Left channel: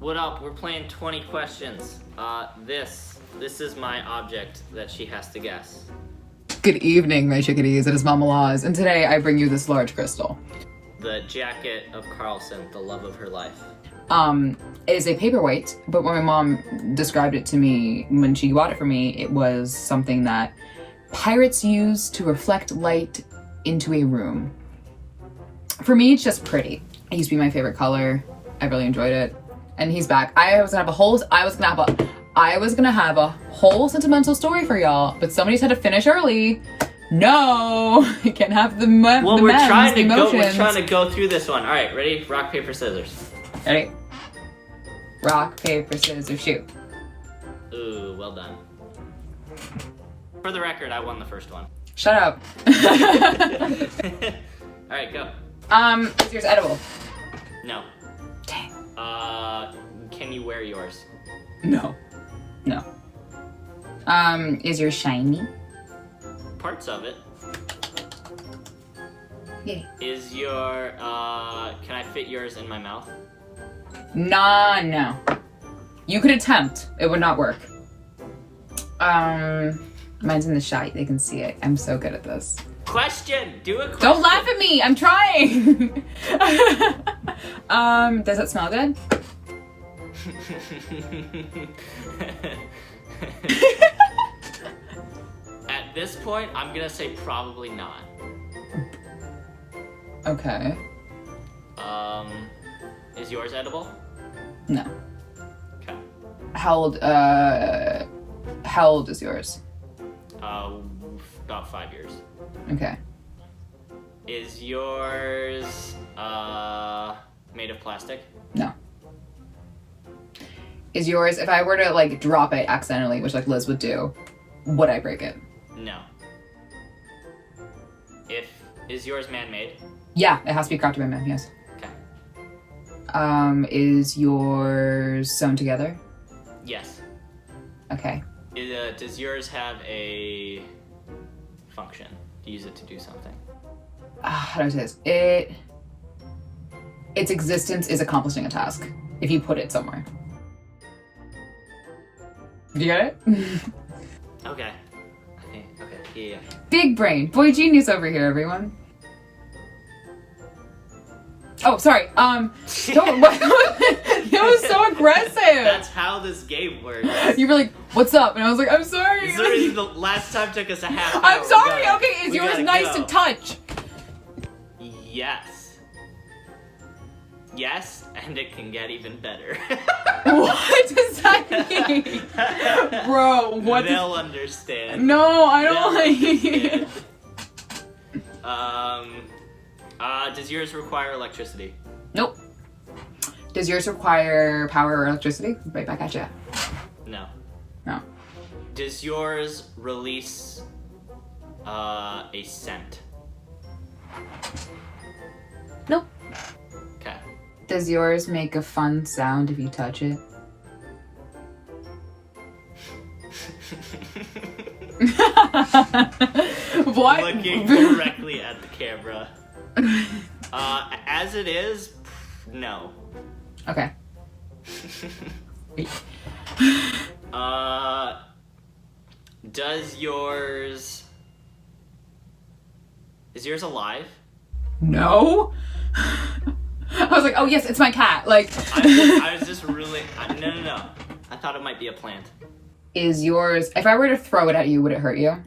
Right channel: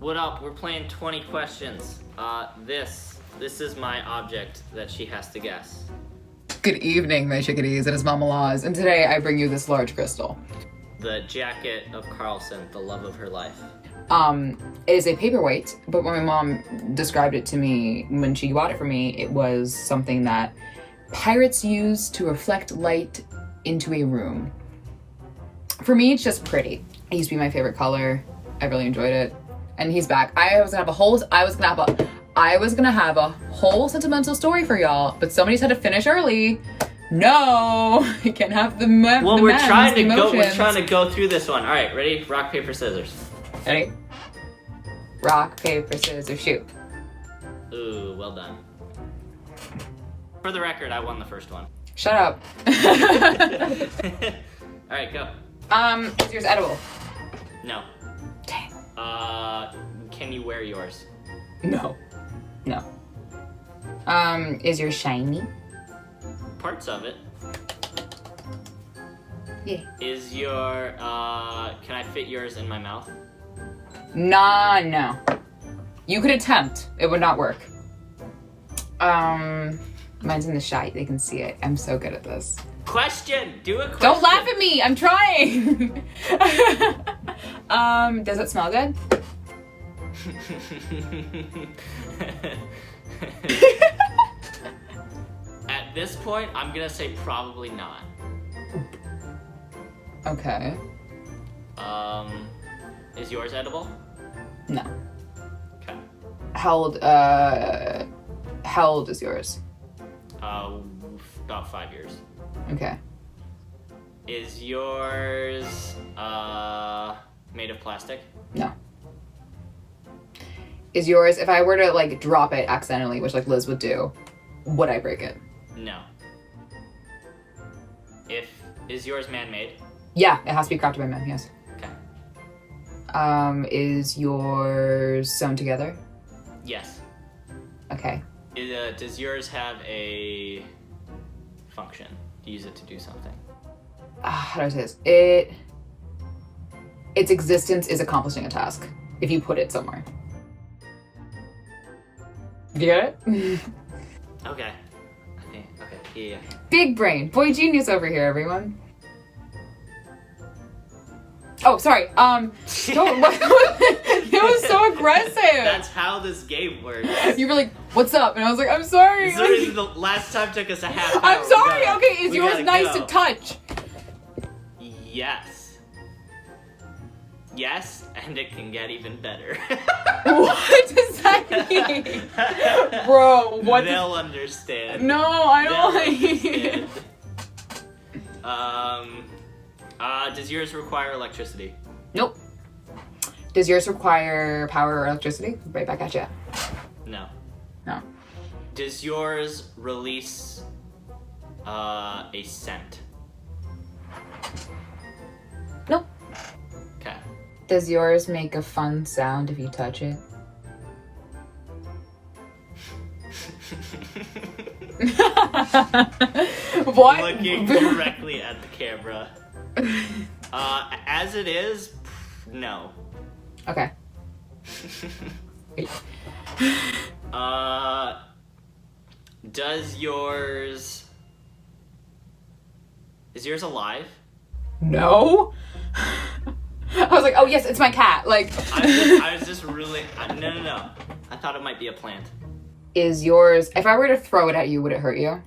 What up? We're playing 20 questions. This is my object that she has to guess. Good evening, my chickadees. It is Mama Laws, and today I bring you this large crystal. The jacket of Carlson, the love of her life. It is a paperweight, but when my mom described it to me when she bought it for me, it was something that pirates use to reflect light into a room. For me, it's just pretty. It used to be my favorite color. I really enjoyed it. And he's back. I was gonna have a whole sentimental story for y'all, but somebody's had to finish early. No, I can't have the Well, we're trying to go through this one. All right, ready? Rock, paper, scissors. Ready? Rock, paper, scissors, shoot. Ooh, well done. For the record, I won the first one. Shut up. All right, go. Is yours edible? No. Dang. Can you wear yours? No. Is yours shiny? Parts of it. Yeah. Is your, can I fit yours in my mouth? Nah, no. You could attempt. It would not work. Mine's in the shite. They can see it. I'm so good at this. Question! Do a question! Don't laugh at me! I'm trying! Does it smell good? At this point, I'm gonna say probably not. Okay. Is yours edible? No. Okay. How old is yours? About 5 years. Okay. Is yours, made of plastic? No. Is yours, if I were to, like, drop it accidentally, which, like, Liz would do, would I break it? No. Is yours man-made? Yeah, it has to be crafted by men, yes. Okay. Is yours sewn together? Yes. Okay. Does yours have a function? Use it to do something? How do I say this? Its existence is accomplishing a task, if you put it somewhere. You get it? Okay. Yeah. Big brain. Boy genius over here, everyone. Oh, sorry. Don't. It was so aggressive. That's how this game works. You were like, "What's up?" And I was like, "I'm sorry." This literally the last time took us a half hour. I'm sorry. Okay, is yours nice go. to touch? Yes, and it can get even better. What does that mean, bro? What? They'll understand. No, I don't They'll like. understand. Does yours require electricity? Nope. Does yours require power or electricity? Right back at you. No. No. Does yours release a scent? Nope. Okay. Does yours make a fun sound if you touch it? What? Looking directly at the camera. As it is, no. Okay. Does yours... Is yours alive? No. I was like, oh yes, it's my cat. Like. I was just really... No. I thought it might be a plant. Is yours... If I were to throw it at you, would it hurt you?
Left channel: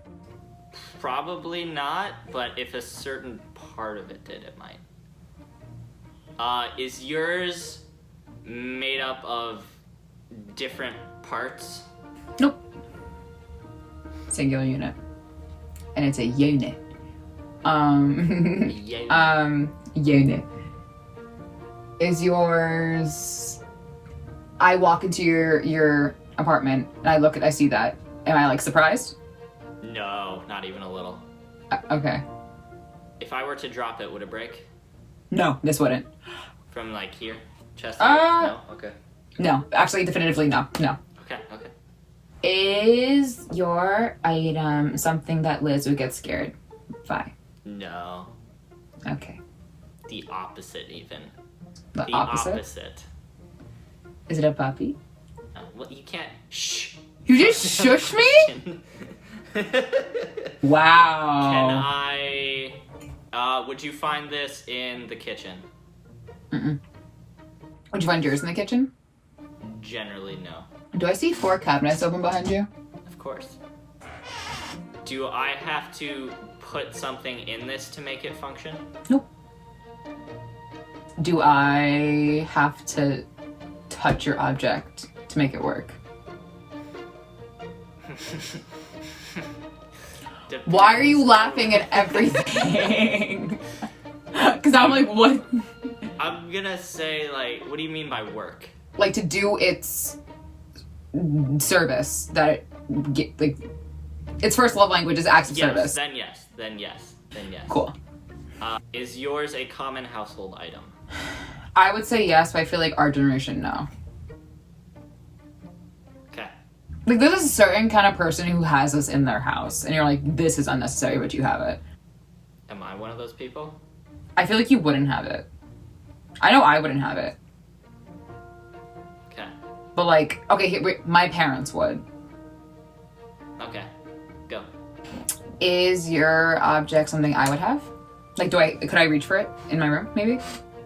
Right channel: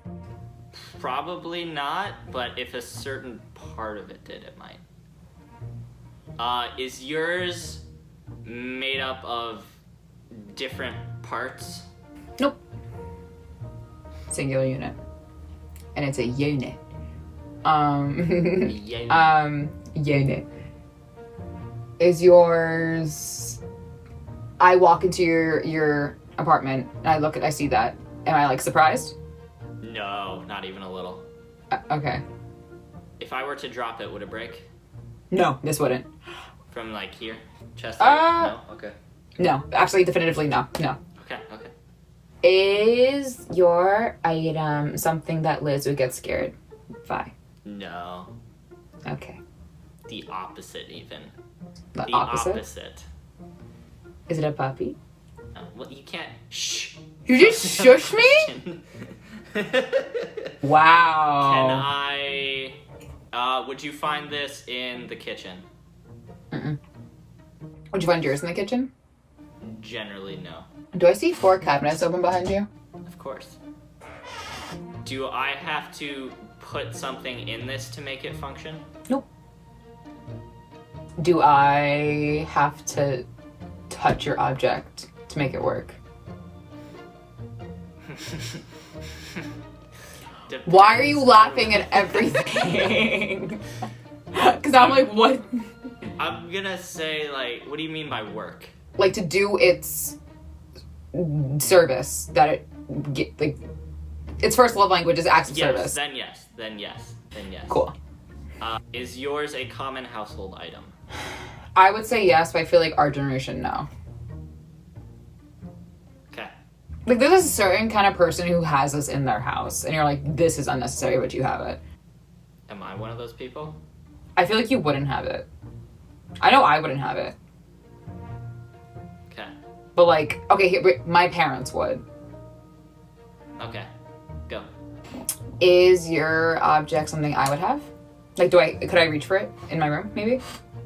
Probably not, but if a certain part of it did, it might. Is yours made up of different parts? Nope. Singular unit. And it's a unit. Unit. Is yours... I walk into your apartment and I see that. Am I, like, surprised? No, not even a little. Okay. If I were to drop it, would it break? No, this wouldn't. From, like, here? Chest height? No? Okay. No, actually, definitively no. Okay. Is your item something that Liz would get scared by? No. Okay. The opposite, even. The opposite? Is it a puppy? Well, you can't. Shh. You just shush me? Wow. Can I? Would you find this in the kitchen? Mm-mm. Would you find yours in the kitchen? Generally, no. Do I see 4 cabinets open behind you? Of course. Do I have to put something in this to make it function? Nope. Do I have to touch your object to make it work? Why are you laughing at everything? Because I'm like, what? I'm gonna say, like, what do you mean by work? Like, to do its service that it get, like, its first love language is acts of service. Then yes. Then yes. Cool. Is yours a common household item? I would say yes, but I feel like our generation, no. Okay. Like, there's a certain kind of person who has this in their house, and you're like, this is unnecessary, but you have it. Am I one of those people? I feel like you wouldn't have it. I know I wouldn't have it. Okay. But, like, okay, here, my parents would. Okay. Go. Is your object something I would have? Like, could I reach for it in my room, maybe?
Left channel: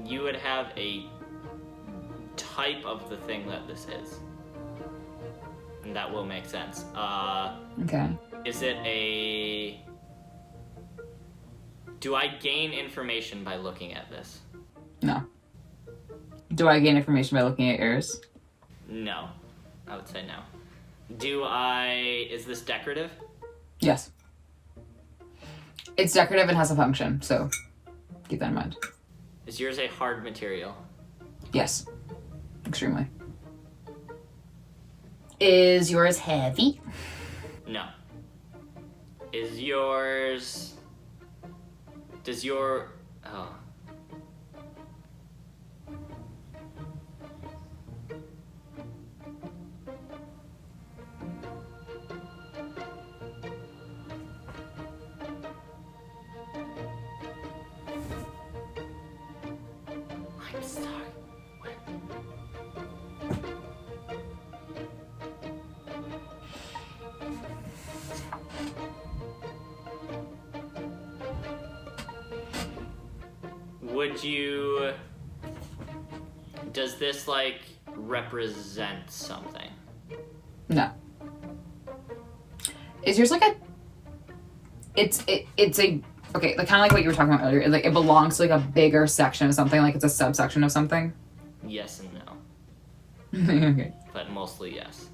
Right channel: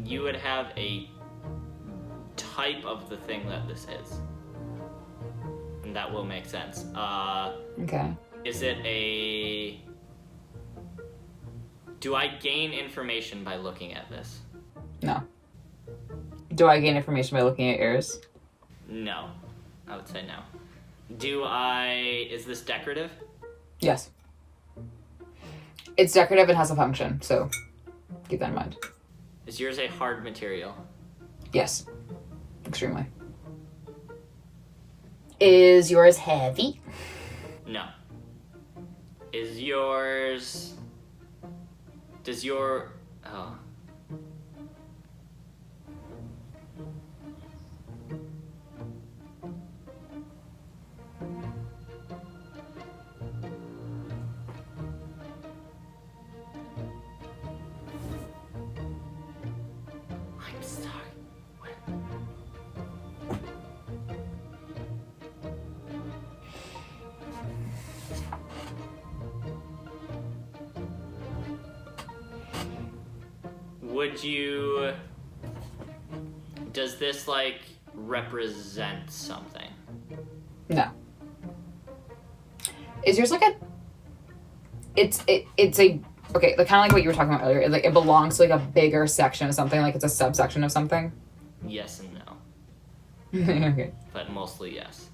You would have a type of the thing that this is. And that will make sense. Okay. Is it a... Do I gain information by looking at this? No. Do I gain information by looking at yours? No. I would say no. Do I... Is this decorative? Yes. It's decorative and has a function, so keep that in mind. Is yours a hard material? Yes. Extremely. Is yours heavy? No. Is yours... Does your... Oh. I'm sorry. What? Would you... Does this, like, represent something? No. Is yours like a... It's a... Okay, like, kind of like what you were talking about earlier. Like, it belongs to, like, a bigger section of something. Like, it's a subsection of something. Yes and no. Okay. But mostly yes.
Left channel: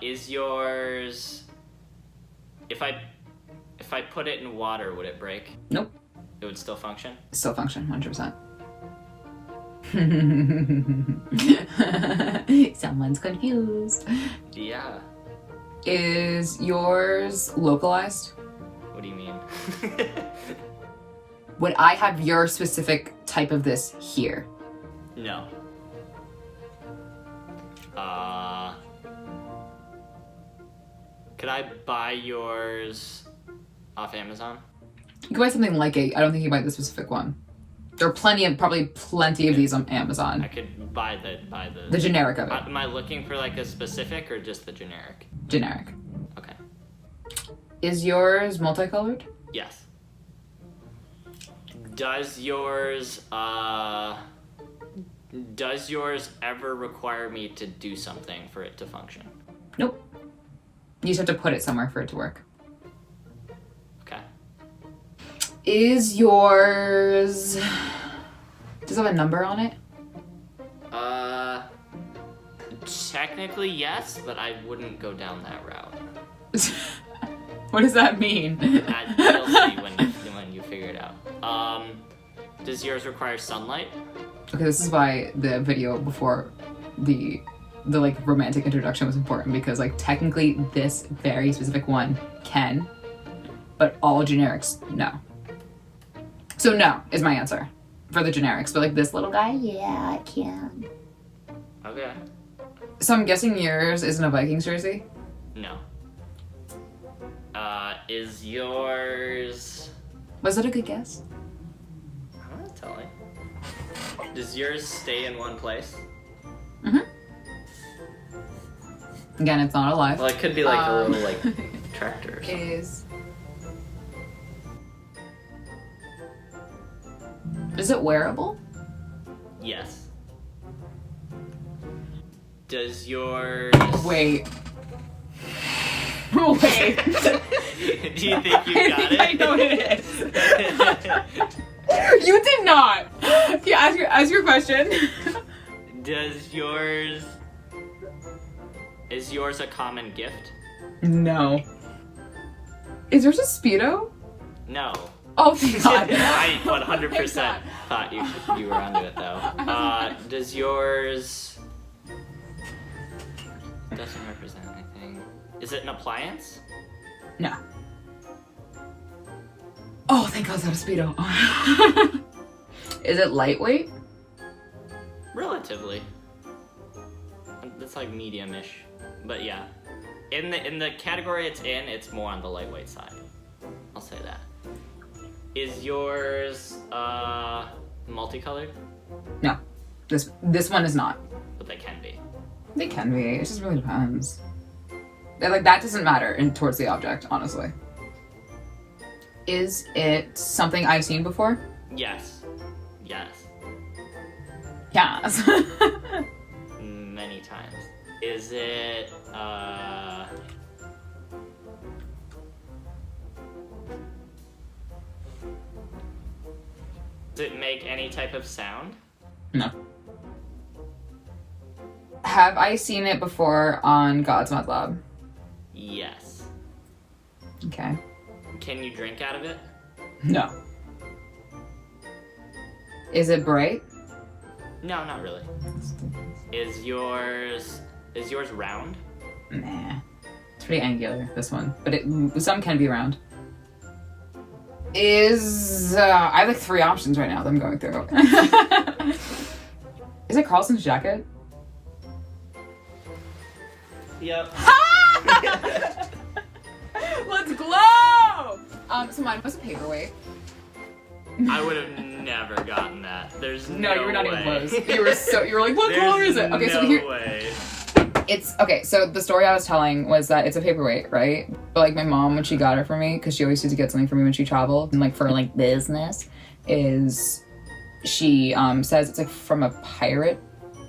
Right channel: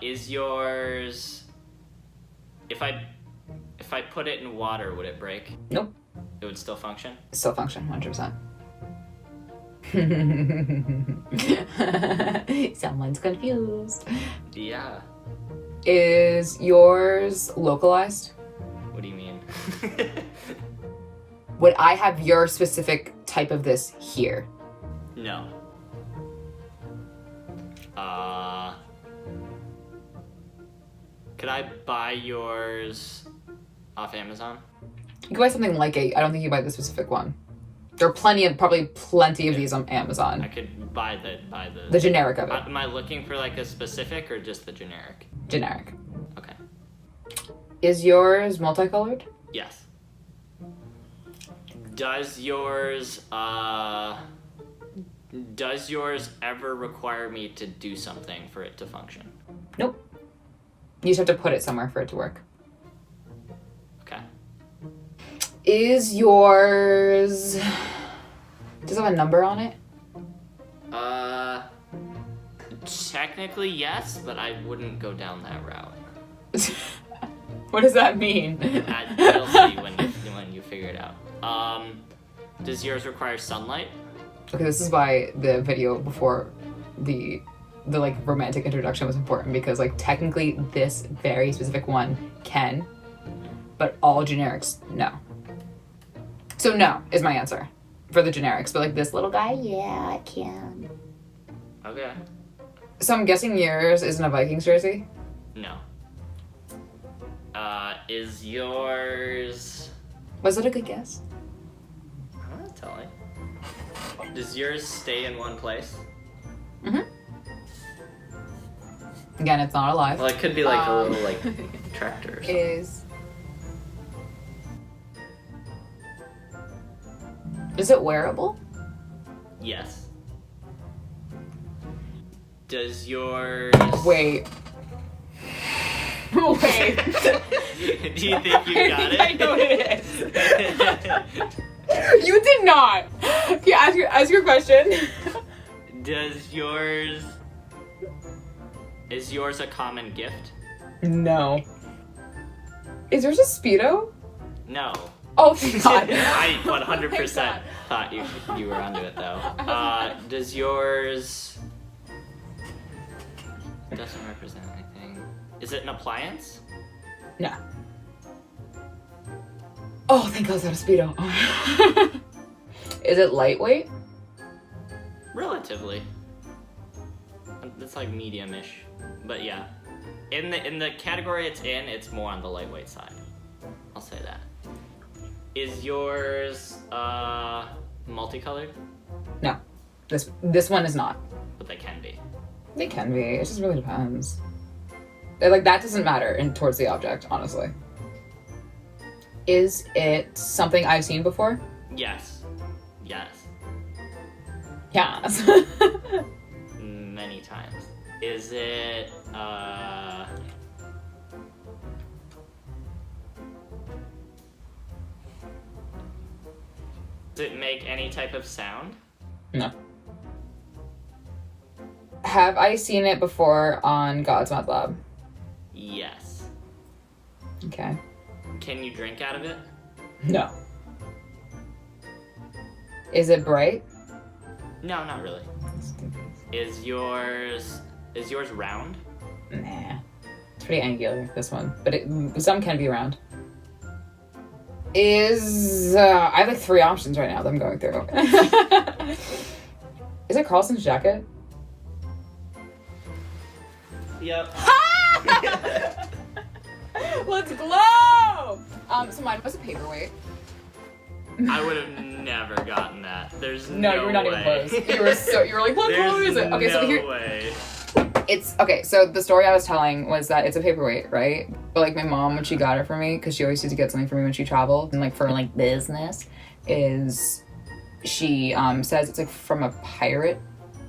Is yours... If I put it in water, would it break? Nope. It would still function? Still function, 100%. Someone's confused. Yeah. Is yours localized? What do you mean? Would I have your specific type of this here? No. Could I buy yours off Amazon? You can buy something like it. I don't think you buy the specific one. There are probably plenty of these on Amazon. I could buy The generic of it. Am I looking for like a specific or just the generic? Generic. Okay. Is yours multicolored? Yes. Does yours ever require me to do something for it to function? Nope. You just have to put it somewhere for it to work. Okay. Is yours... Does it have a number on it? Technically yes, but I wouldn't go down that route. What does that mean? You'll see when you figure it out. Does yours require sunlight? Okay, this is why the video before the like romantic introduction was important, because like technically this very specific one can, but all generics no. So no is my answer for the generics, but like this little guy, yeah, I can. Okay. So I'm guessing yours isn't a Vikings jersey? No. Is yours... Was it a good guess? I'm not telling. Does yours stay in one place? Mm-hmm. Again, it's not alive. Well, it could be like a little like tractor or something. Is it wearable? Yes. Does yours... Wait. Wait. Do you think you got it? I know it is. You did not. Yeah, ask your question. Does yours... Is yours a common gift? No. Is yours a Speedo? No. Oh, thank God. I 100% thought you were onto it though. Does yours... Doesn't represent anything. Is it an appliance? No. Oh, thank God, it's not a Speedo. Is it lightweight? Relatively. It's like medium-ish. But yeah. In the category it's in, it's more on the lightweight side. I'll say that. Is yours multicolored? No. This one is not. But they can be. They can be. It just really depends. Like, that doesn't matter towards the object, honestly. Is it something I've seen before? Yes. Yes. Yes. Many times. Is it does it make any type of sound? No. Have I seen it before on God's Mod Lab? Yes. Okay. Can you drink out of it? No. Is it bright? No, not really. Is yours round? Nah. It's pretty angular, this one. But some can be round. I have like 3 options right now that I'm going through. Is it Carlson's jacket? Yep. Let's glow! So mine was a paperweight. I would have never gotten that. There's no way. No, you were not even close. You were like, what color is it? Okay, no way. So the story I was telling was that it's a paperweight, right? But like my mom, when she got it for me, because she always used to get something for me when she traveled, and like for like business, is she says it's like from a pirate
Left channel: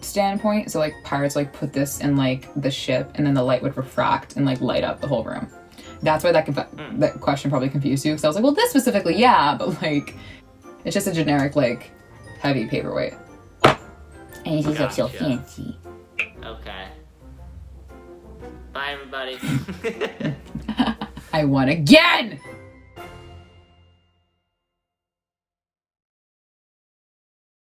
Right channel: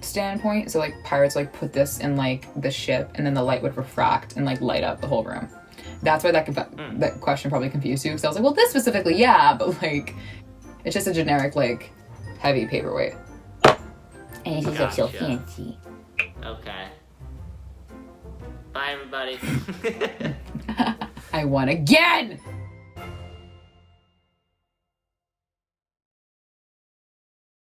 standpoint. So like pirates like put this in like the ship, and then the light would refract and like light up the whole room. That's why that question probably confused you. Because I was like, well, this specifically, yeah, but like it's just a generic like heavy paperweight. And she's like so fancy. Okay. Bye, everybody. I won again!